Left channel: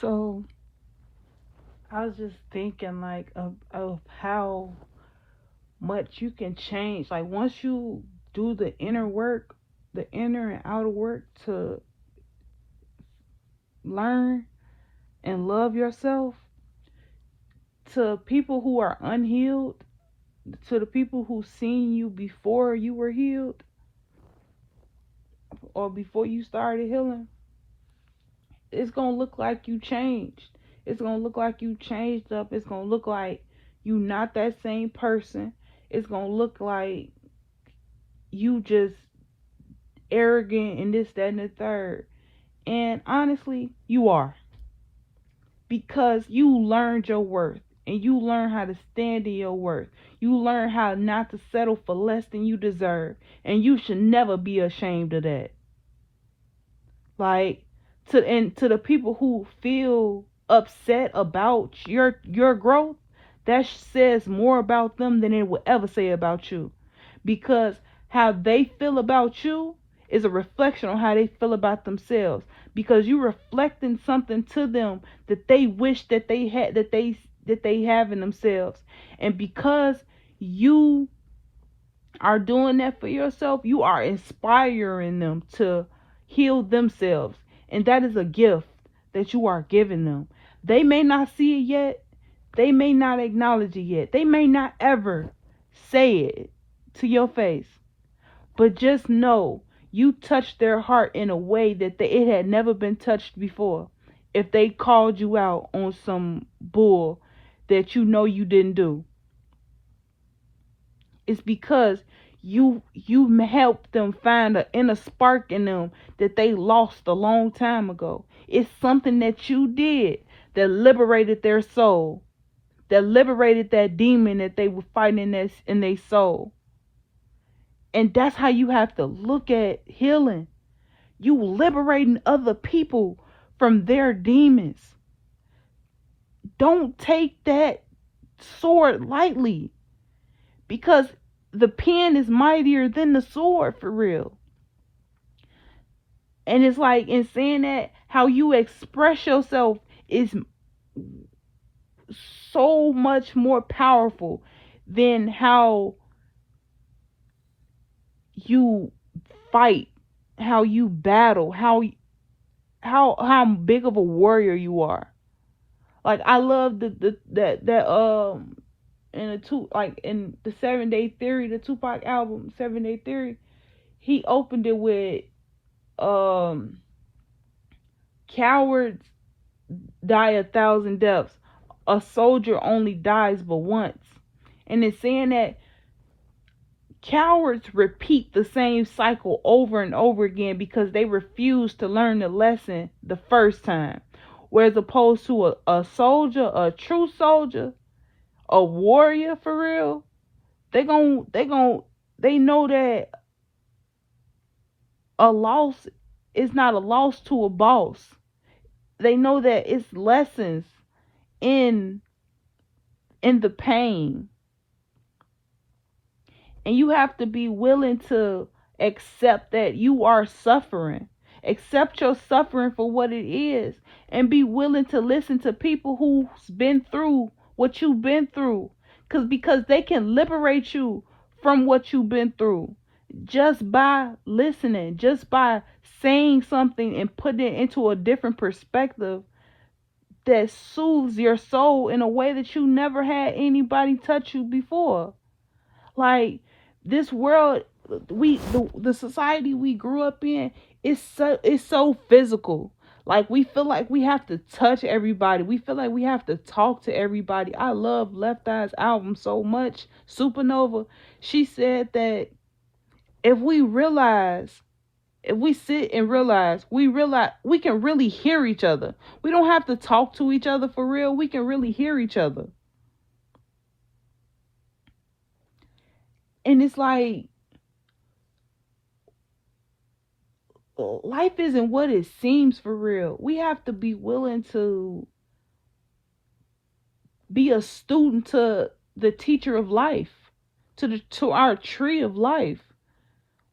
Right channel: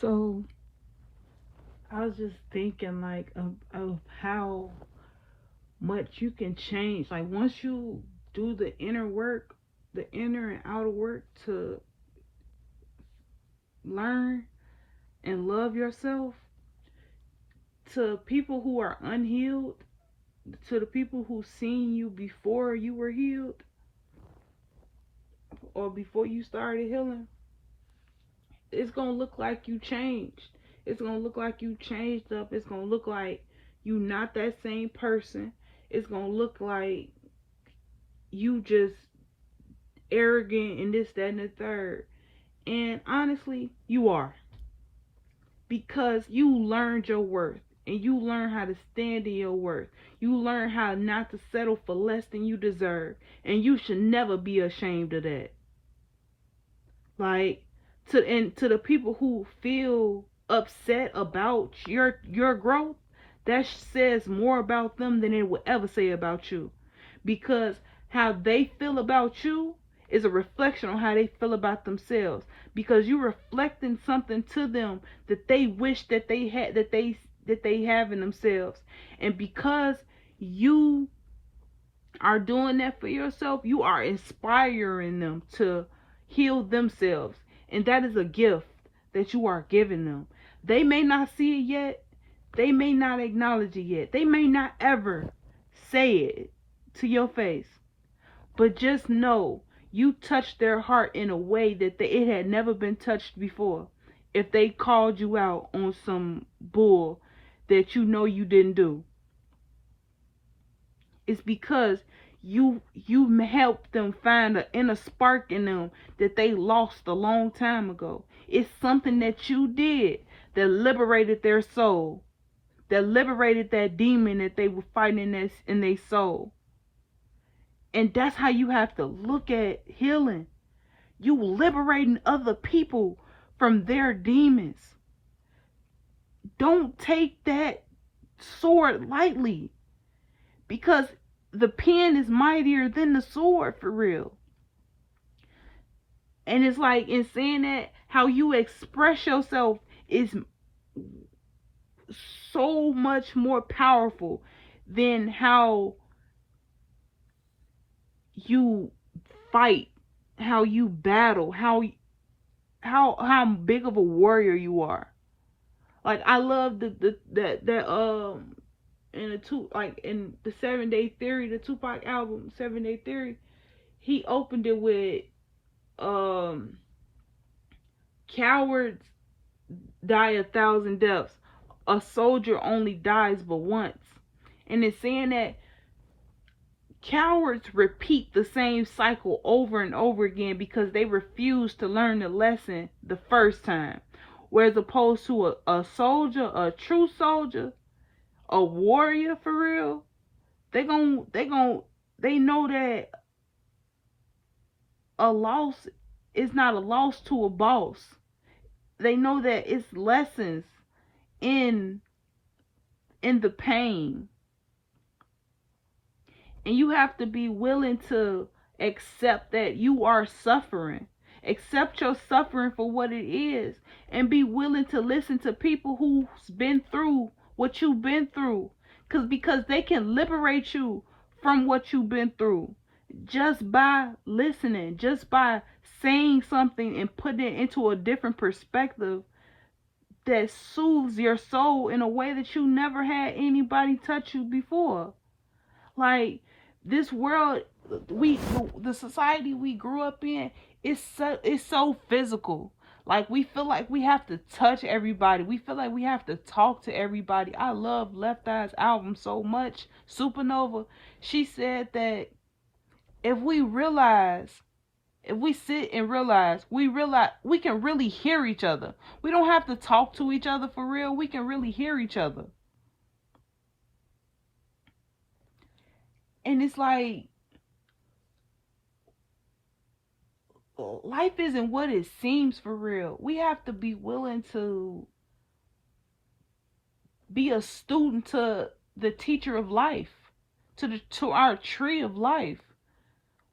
So I was just thinking like of how much you can change. Like once you do the inner work, the inner and outer work to learn and love yourself, to people who are unhealed, to the people who seen you before you were healed or before you started healing, it's gonna look like you changed. It's gonna look like you changed up. It's gonna look like you not that same person. It's gonna look like you just arrogant and this, that, and the third. And honestly, you are. Because you learned your worth and you learn how to stand in your worth. You learn how not to settle for less than you deserve. And you should never be ashamed of that. Like to the people who feel upset about your growth, that says more about them than it would ever say about you. Because how they feel about you is a reflection on how they feel about themselves. Because you're reflecting something to them that they wish that they had, that they have in themselves. And because you are doing that for yourself, you are inspiring them to heal themselves. And that is a gift that you are giving them. They may not see it yet. They may not acknowledge it yet. They may not ever say it to your face. But just know you touched their heart in a way that it had never been touched before. If they called you out on some bull that you know you didn't do, it's because you helped them find an inner spark in them that they lost a long time ago. It's something that you did that liberated their soul, that liberated that demon that they were fighting in their soul. And that's how you have to look at healing. You liberating other people from their demons. Don't take that sword lightly, because the pen is mightier than the sword, for real. And it's like, in saying that, how you express yourself is so much more powerful than how you fight, how you battle, how big of a warrior you are. Like I love that in the two, like in the 7 Day Theory, the Tupac album 7 Day Theory, he opened it with um cowards die 1,000 deaths. A soldier only dies but once. And it's saying that cowards repeat the same cycle over and over again because they refuse to learn the lesson the first time. Whereas opposed to a soldier, a true soldier, a warrior for real, they know that a loss is not a loss to a boss. They know that it's lessons in the pain. And you have to be willing to accept that you are suffering. Accept your suffering for what it is. And be willing to listen to people who's been through what you've been through. Because they can liberate you from what you've been through. Just by listening. Just by saying something and putting it into a different perspective that soothes your soul in a way that you never had anybody touch you before. Like, this world, the society we grew up in is so physical. Like, we feel like we have to touch everybody. We feel like we have to talk to everybody. I love Left Eye's album so much, Supernova. She said that if we realize, if we sit and realize we can really hear each other. We don't have to talk to each other for real. We can really hear each other. And it's like, life isn't what it seems for real. We have to be willing to be a student to the teacher of life, to our tree of life.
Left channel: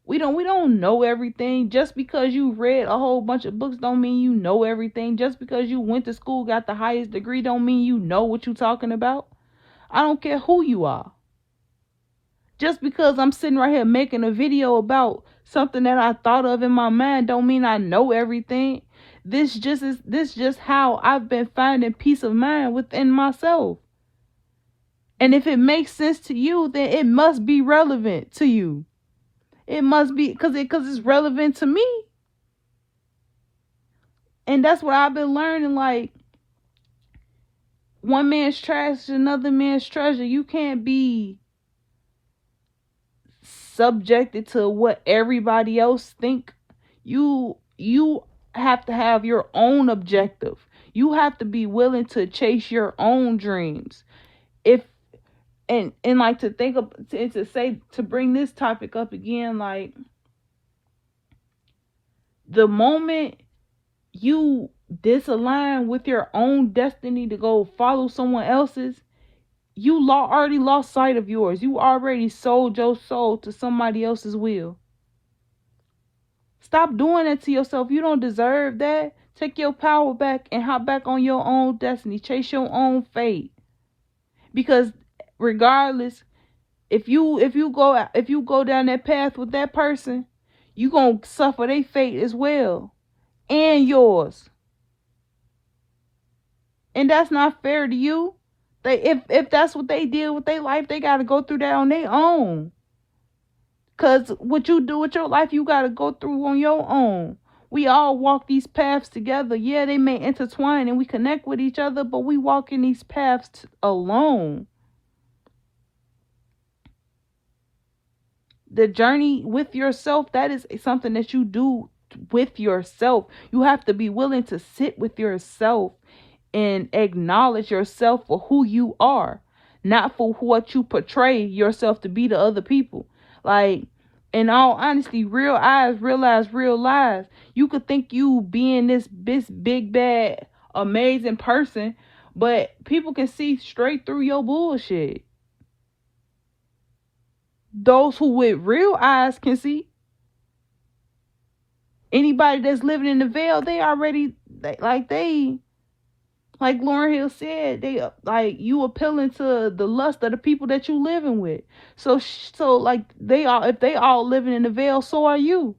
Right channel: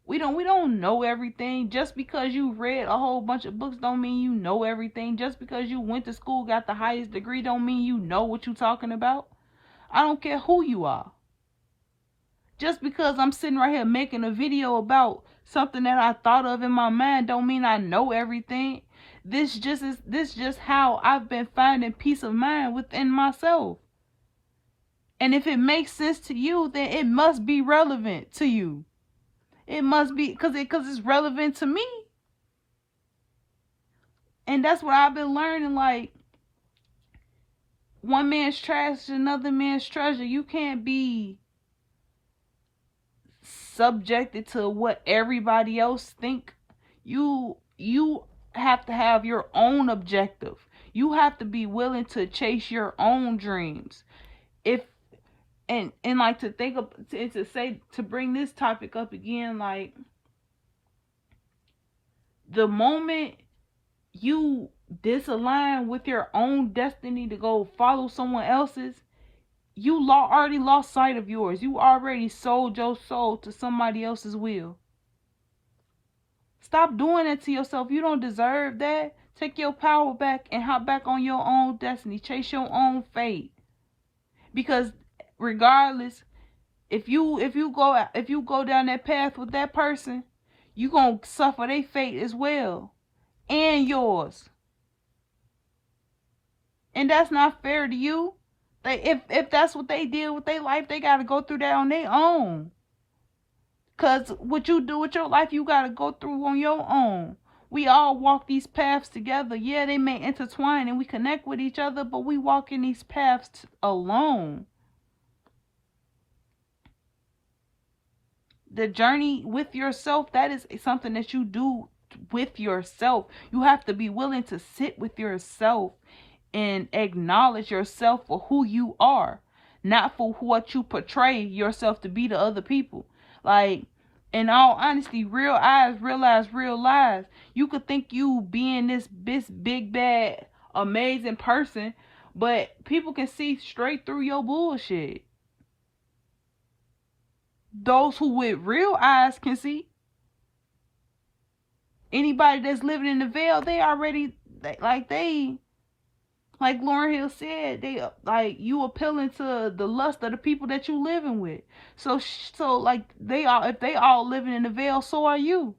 We don't know everything. Just because you read a whole bunch of books don't mean you know everything. Just because you went to school, got the highest degree, don't mean you know what you're talking about. I don't care who you are. Just because I'm sitting right here making a video about something that I thought of in my mind don't mean I know everything. This just how I've been finding peace of mind within myself. And if it makes sense to you, then it must be relevant to you. It must be because it's relevant to me. And that's what I've been learning. Like, one man's trash is another man's treasure. You can't be subjected to what everybody else think. You have to have your own objective. You have to be willing to chase your own dreams. If and like to think of to bring this topic up again, like, the moment you disalign with your own destiny to go follow someone else's, you already lost sight of yours. You already sold your soul to somebody else's will. Stop doing that to yourself. You don't deserve that. Take your power back and hop back on your own destiny. Chase your own fate. Because regardless, if you go down that path with that person, you gonna suffer their fate as well, and yours. And that's not fair to you. If that's what they did with their life, they gotta go through that on their own. Cause what you do with your life, you gotta go through on your own. We all walk these paths together. Yeah, they may intertwine and we connect with each other, but we walk in these paths alone. The journey with yourself, that is something that you do with yourself. You have to be willing to sit with yourself and acknowledge yourself for who you are, not for what you portray yourself to be to other people. Like, in all honesty, real eyes realize real lies. You could think you being this big bad amazing person, but people can see straight through your bullshit. Those who with real eyes can see. Anybody that's living in the veil, like Lauryn Hill said, like, you appealing to the lust of the people that you living with. So like, if they all living in the veil, so are you.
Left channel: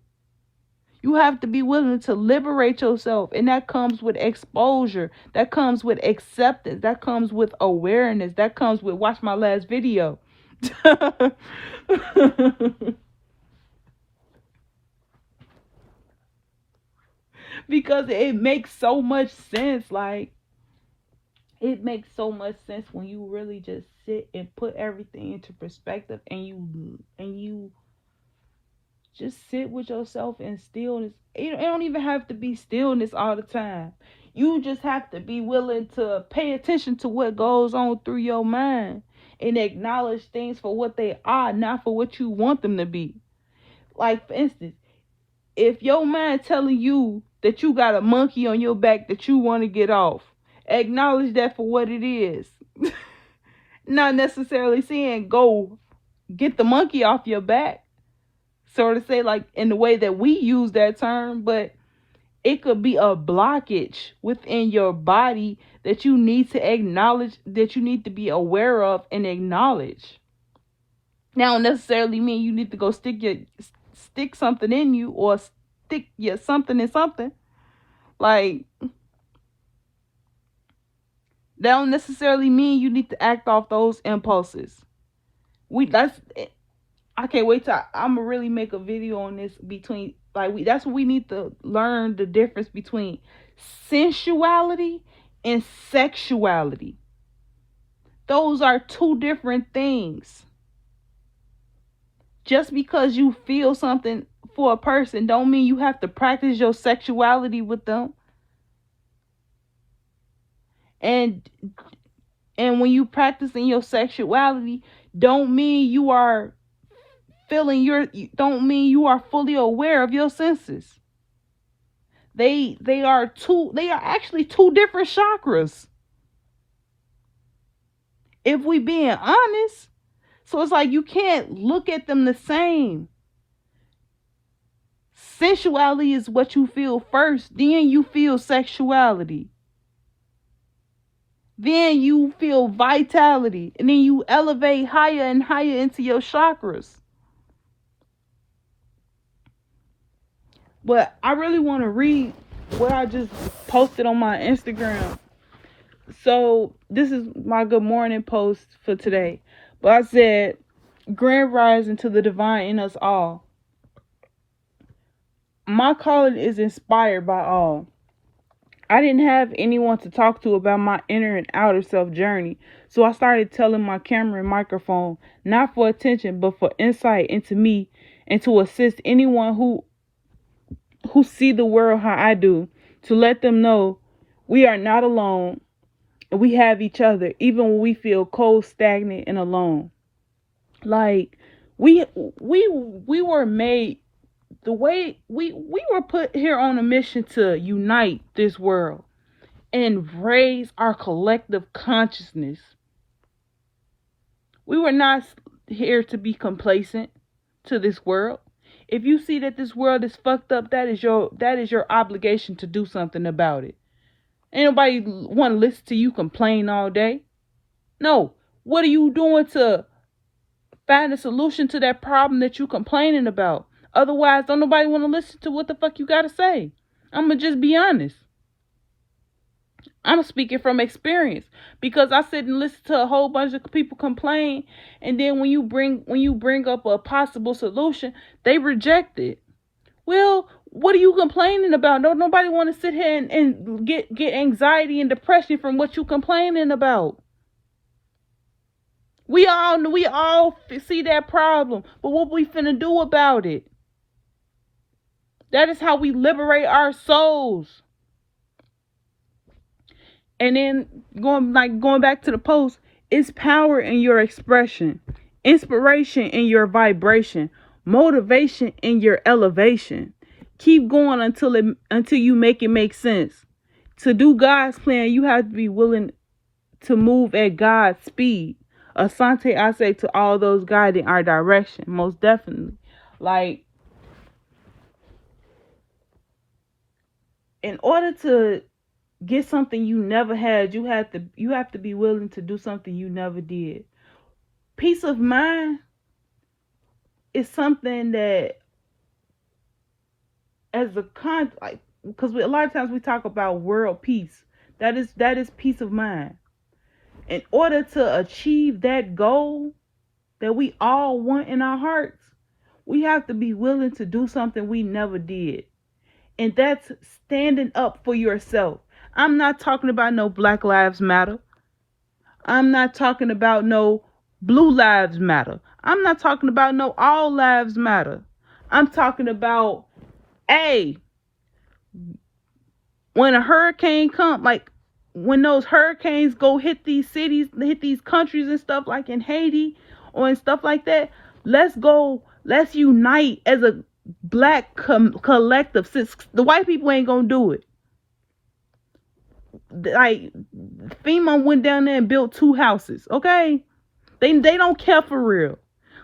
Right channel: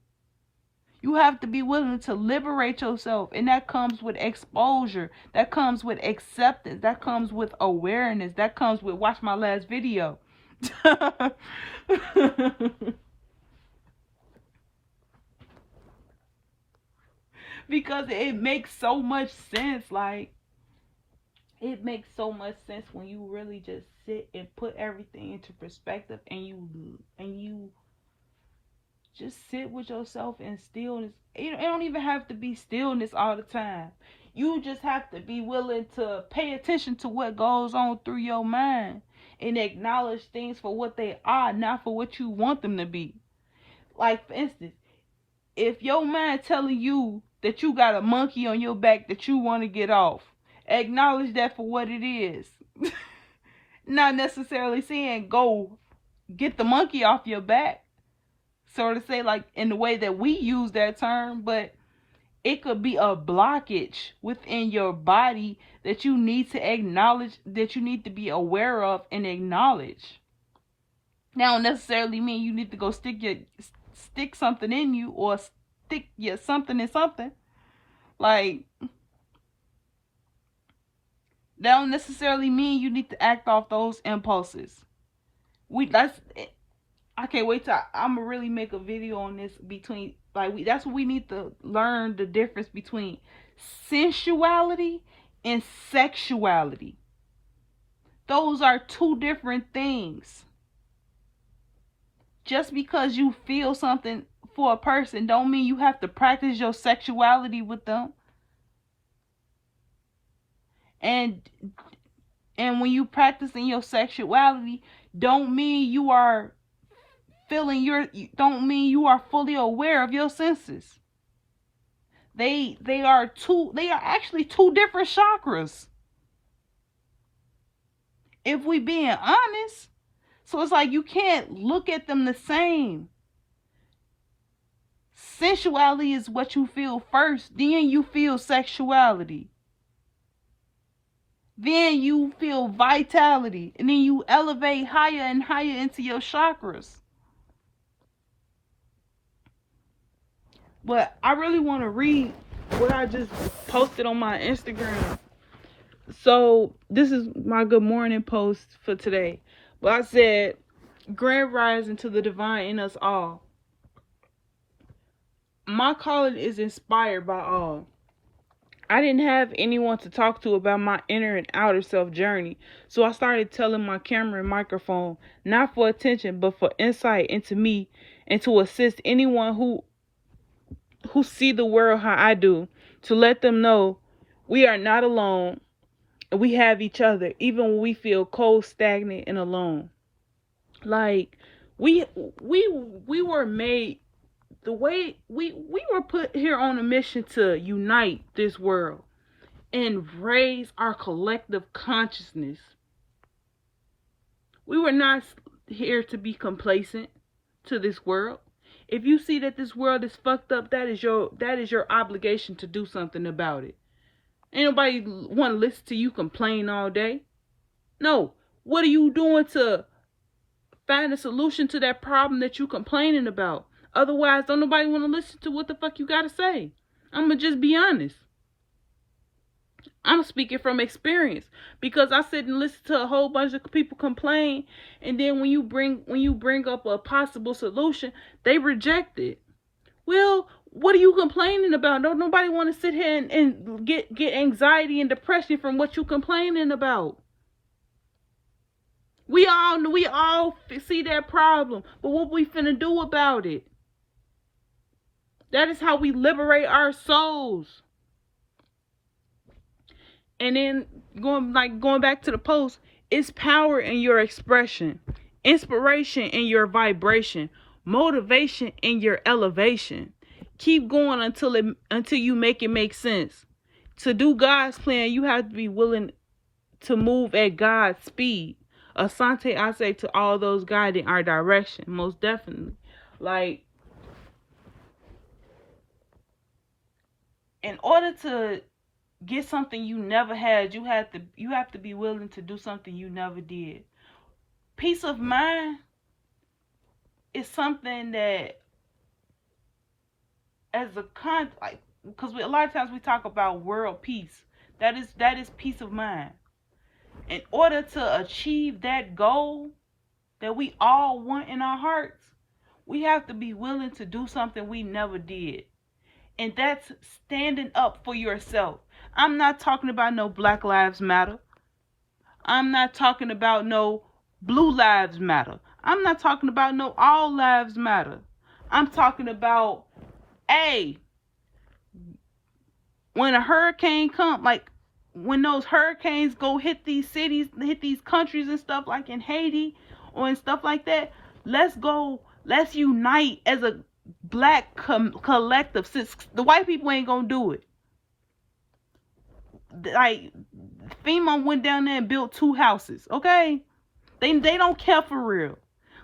You have to be willing to liberate yourself, and that comes with exposure. That comes with acceptance. That comes with awareness. That comes with watch my last video. Because it makes so much sense. Like, it makes so much sense when you really just sit and put everything into perspective, and you just sit with yourself in stillness. It don't even have to be stillness all the time. You just have to be willing to pay attention to what goes on through your mind and acknowledge things for what they are, not for what you want them to be. Like, for instance, if your mind telling you that you got a monkey on your back that you want to get off, acknowledge that for what it is. Not necessarily saying go get the monkey off your back, so to say, like in the way that we use that term, but it could be a blockage within your body that you need to acknowledge, that you need to be aware of and acknowledge. Now, don't necessarily mean you need to go stick something in you, or stick your something in something. Like, that don't necessarily mean you need to act off those impulses. I can't wait till I'm gonna really make a video on this, between, like, that's what we need to learn, the difference between sensuality and sexuality. Those are two different things. Just because you feel something for a person don't mean you have to practice your sexuality with them. And when you practicing your sexuality, don't mean you are don't mean you are fully aware of your senses. They are actually two different chakras, if we being honest. So it's like, you can't look at them the same. Sensuality is what you feel first, then you feel sexuality. Then you feel vitality, and then you elevate higher and higher into your chakras. But I really want to read what I just posted on my Instagram. So this is my good morning post for today. But I said, grand rising to the divine in us all. My calling is inspired by all. I didn't have anyone to talk to about my inner and outer self journey, so I started telling my camera and microphone, not for attention, but for insight into me and to assist anyone who see the world how I do, to let them know we are not alone and we have each other, even when we feel cold, stagnant, and alone. Like we were made the way we were put here on a mission to unite this world and raise our collective consciousness. We were not here to be complacent to this world. If you see that this world is fucked up, that is your obligation to do something about it. Ain't nobody want to listen to you complain all day. No. What are you doing to find a solution to that problem that you complaining about? Otherwise, don't nobody want to listen to what the fuck you got to say. I'm going to just be honest. I'm speaking from experience, because I sit and listen to a whole bunch of people complain, and then when you bring up a possible solution, they reject it. Well, what are you complaining about? Don't nobody want to sit here and get anxiety and depression from what you complaining about. We all see that problem, but what we finna do about it? That is how we liberate our souls. And then going back to the post, it's power in your expression, inspiration in your vibration, motivation in your elevation. Keep going until you make it make sense. To do God's plan, you have to be willing to move at God's speed. Asante, I say to all those guiding our direction, most definitely. Like, in order to get something you never had, you have to be willing to do something you never did. Peace of mind is something that, as a because a lot of times we talk about world peace. That is peace of mind. In order to achieve that goal that we all want in our hearts, we have to be willing to do something we never did. And that's standing up for yourself. I'm not talking about no Black Lives Matter. I'm not talking about no Blue Lives Matter. I'm not talking about no All Lives Matter. I'm talking about, when a hurricane comes, like when those hurricanes go hit these cities, hit these countries and stuff, like in Haiti or and stuff like that, let's unite as a black collective. Since the white people ain't gonna do it. Like, FEMA went down there and built 2 houses, okay? They don't care for real.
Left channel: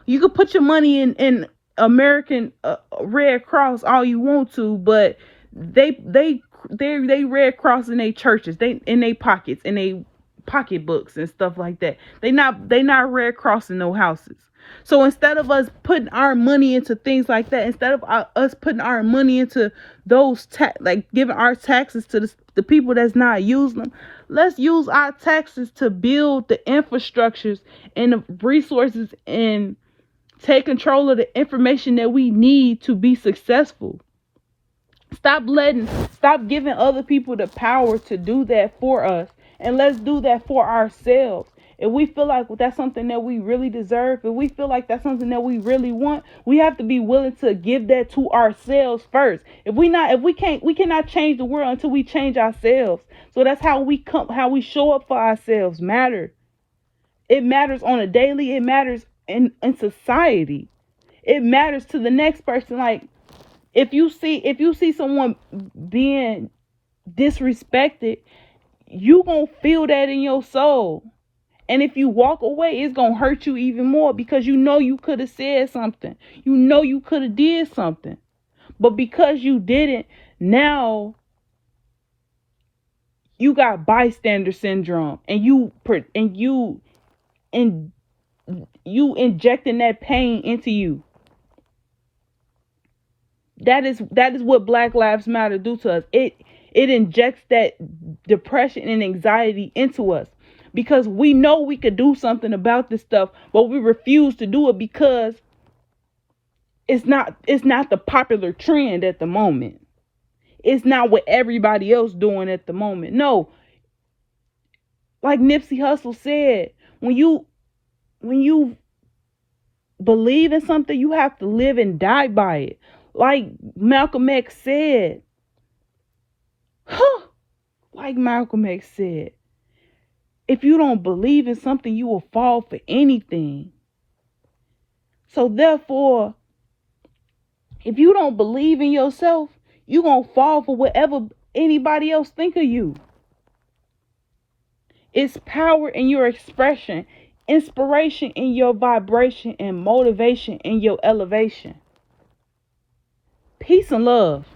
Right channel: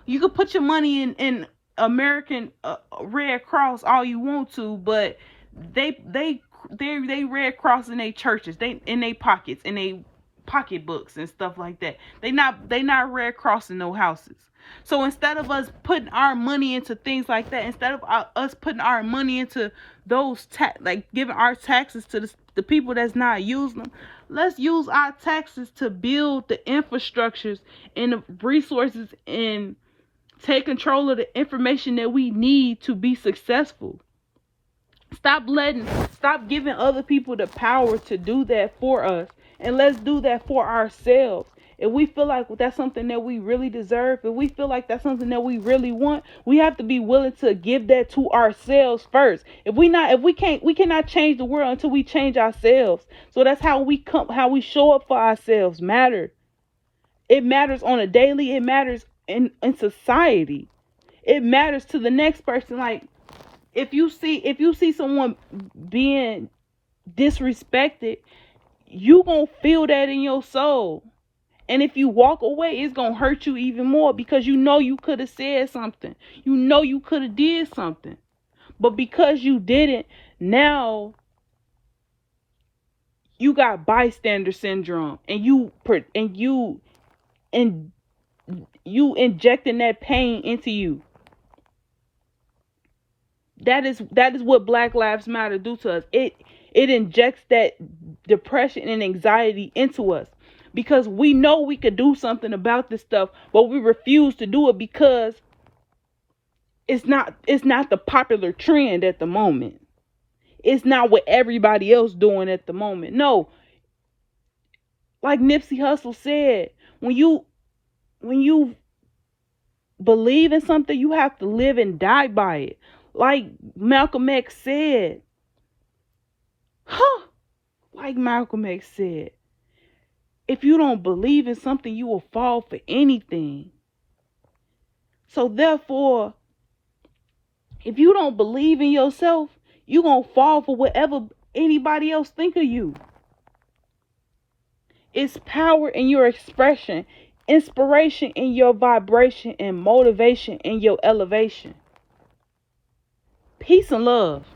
You can put your money in American Red Cross all you want to, but they Red Cross in their churches, they in their pockets, in their pocketbooks and stuff like that. They not Red Cross in no houses. So instead of us putting our money into things like that, instead of us putting our money into those giving our taxes to the people that's not using them, let's use our taxes to build the infrastructures and the resources and take control of the information that we need to be successful. Stop giving other people the power to do that for us, and let's do that for ourselves. If we feel like that's something that we really deserve, if we feel like that's something that we really want, we have to be willing to give that to ourselves first. We cannot change the world until we change ourselves. So that's how we show up for ourselves matter. It matters on a daily, it matters in society. It matters to the next person. Like, if you see someone being disrespected, you gonna feel that in your soul. And if you walk away, it's going to hurt you even more, because you know you could have said something. You know you could have did something. But because you didn't, now you got bystander syndrome, and you injecting that pain into you. That is what Black Lives Matter do to us. It injects that depression and anxiety into us, because we know we could do something about this stuff, but we refuse to do it because it's not the popular trend at the moment. It's not what everybody else doing at the moment. No, like Nipsey Hussle said, when you believe in something, you have to live and die by it. Like Malcolm X said, like Malcolm X said, if you don't believe in something, you will fall for anything. So therefore, if you don't believe in yourself, you're going to fall for whatever anybody else think of you. It's power in your expression, inspiration in your vibration, and motivation in your elevation. Peace and love.